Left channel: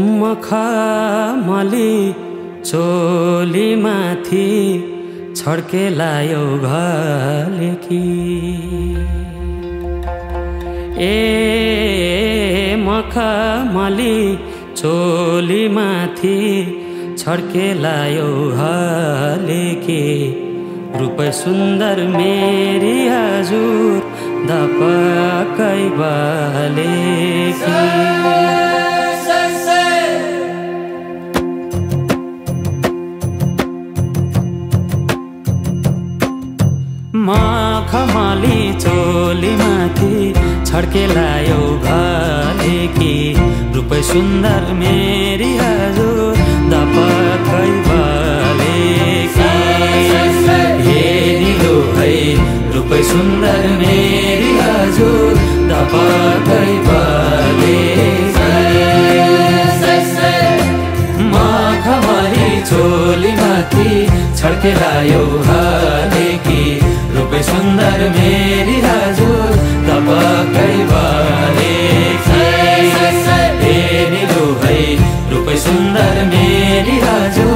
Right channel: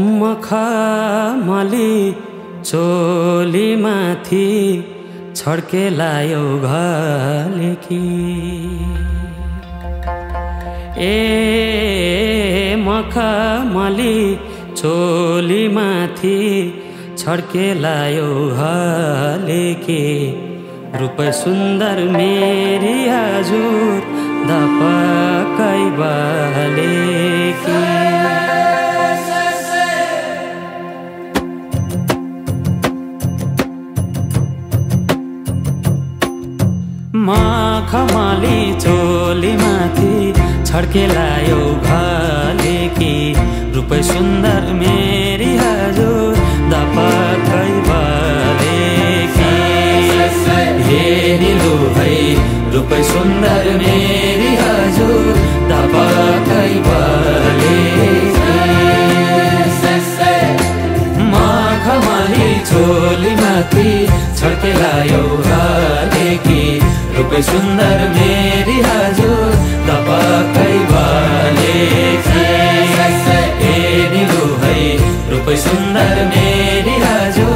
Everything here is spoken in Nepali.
मखमली चोली माथि छड्केलायो घलेकी ए मखमली चोली माथि छड्केलायो घलेकी रूप सुन्दर मेरी हजुर दपकै बलेकी मखमली चोली माथि छड्केलायो घलेकी रूप सुन्दर मेरी हजुर दपकै बलेकी हे निलु भई रूप सुन्दर मेरी हजुर दपकै बलेकी मखमली चोली माथि छड्केलायो घलेकी रूप सुन्दर मेरी हजुर दपकै बलेकी हे निलु भई रूप सुन्दर मेरी हजुर